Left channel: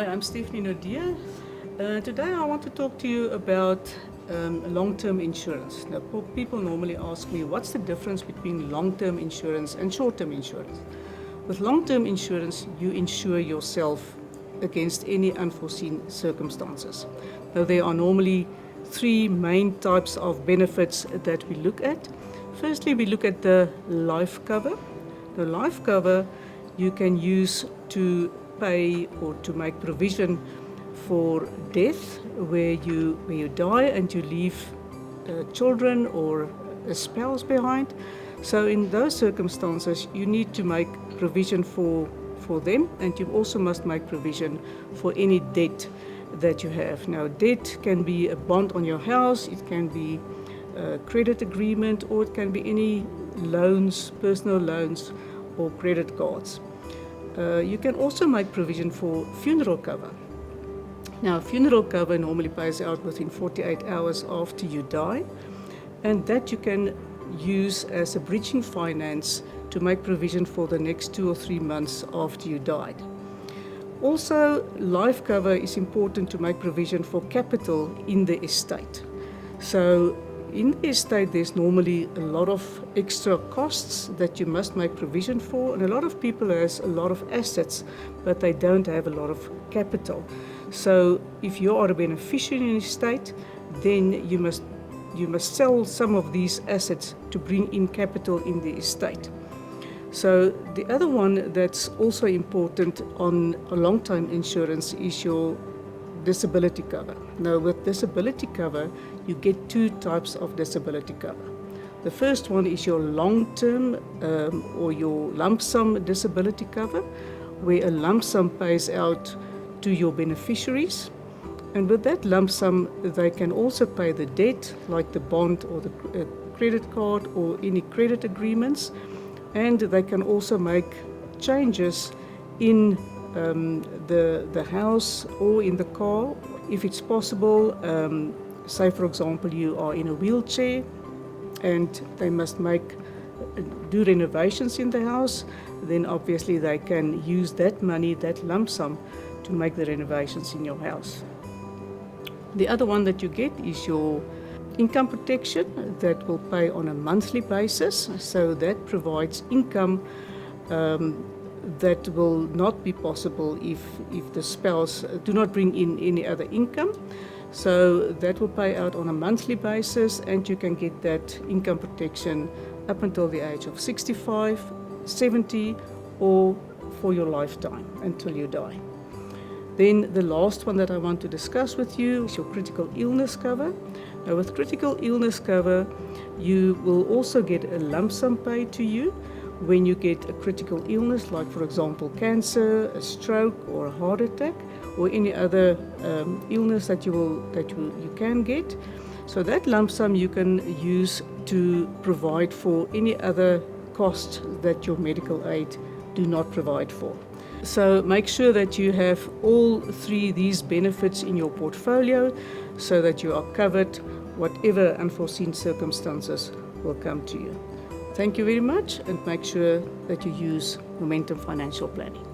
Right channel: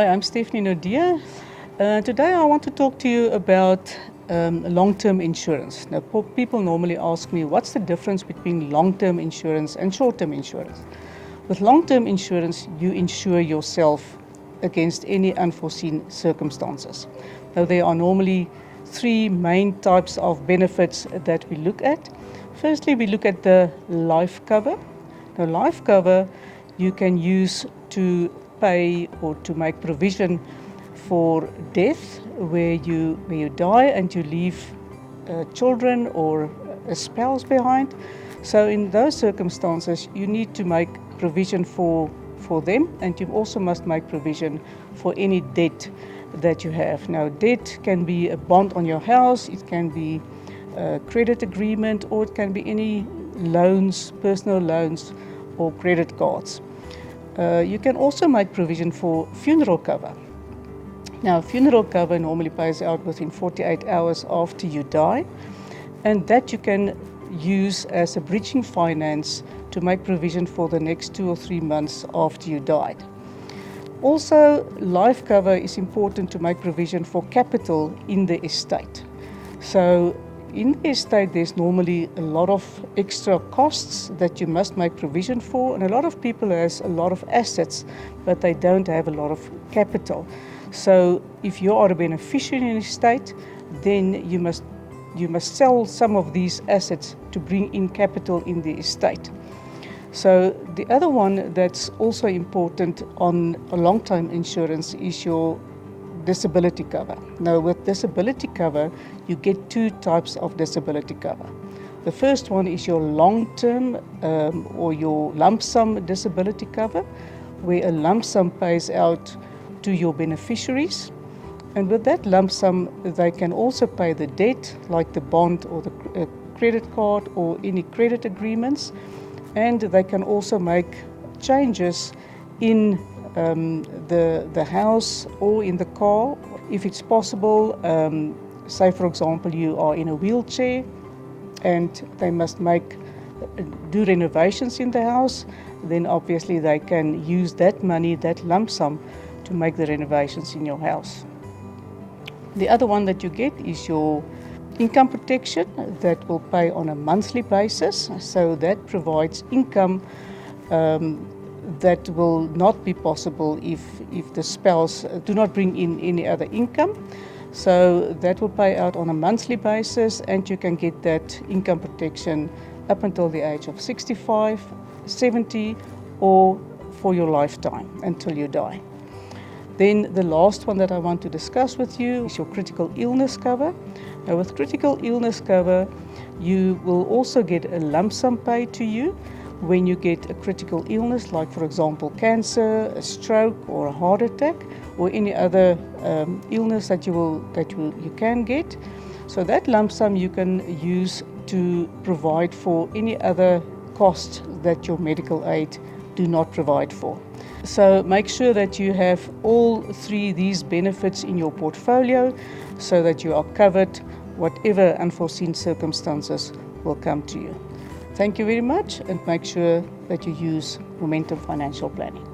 Hi, I'm Stephne Naude. Today I want to talk to you about long-term insurance. Now, people normally ask me, what's the difference between long-term insurance and short-term insurance? With long-term insurance, you insure yourself against any unforeseen circumstances. Now, there are normally three main types of benefits that we look at. Firstly, we look at the life cover. The life cover you can use to pay or to make provision for death, where you die and you leave children or a spouse behind. So in those circumstances, you need to make provision for them, and you also must make provision for any debt that you have. Now, debt can be a bond on your house, it can be a credit agreement, or it can be any loans, personal loans or credit cards. You can also make provision for funeral cover. Now, funeral cover normally pays out within 48 hours after you die, and that you can use as a bridging finance to make provision for the next 2 or 3 months after you died. Also, life cover is important to make provision for capital in the estate. So in the estate, there's normally a lot of extra costs that you must make provision for, and a lot of people has a lot of assets, but they don't have a lot of capital. So if you are a beneficiary in an estate, then you must sell some of these assets to bring in capital in the estate. So the other one that's also important on a long-term insurance is your disability cover. Now, with disability cover, you get two types of disability cover. The first one is your long-term or your lump sum disability cover, where a lump sum pays out to your beneficiaries. And with that lump sum, they can also pay the debt, like the bond or the credit card or any credit agreements. And they can also make changes in the house or in the car, if it's possible. Say, for example, you are in a wheelchair and they must do renovations in the house, then obviously they can use that money, that lump sum, to make the renovations in your house. The other one that you get is your income protection that will pay on a monthly basis. So that provides income that will not be possible if the spouse do not bring in any other income. So that will pay out on a monthly basis, and you can get that income protection up until the age of 65, 70, or for your lifetime until you die. Then the last one that I want to discuss with you is your critical illness cover. Now, with critical illness cover, you will also get a lump sum paid to you when you get a critical illness, like, for example, cancer, a stroke, or a heart attack, or any other illness that you can get. So that lump sum you can use to provide for any other costs that your medical aid do not provide for. So make sure that you have all three of these benefits in your portfolio so that you are covered whatever unforeseen circumstances will come to you. Thank you very much, and make sure that you use Momentum Financial Planning.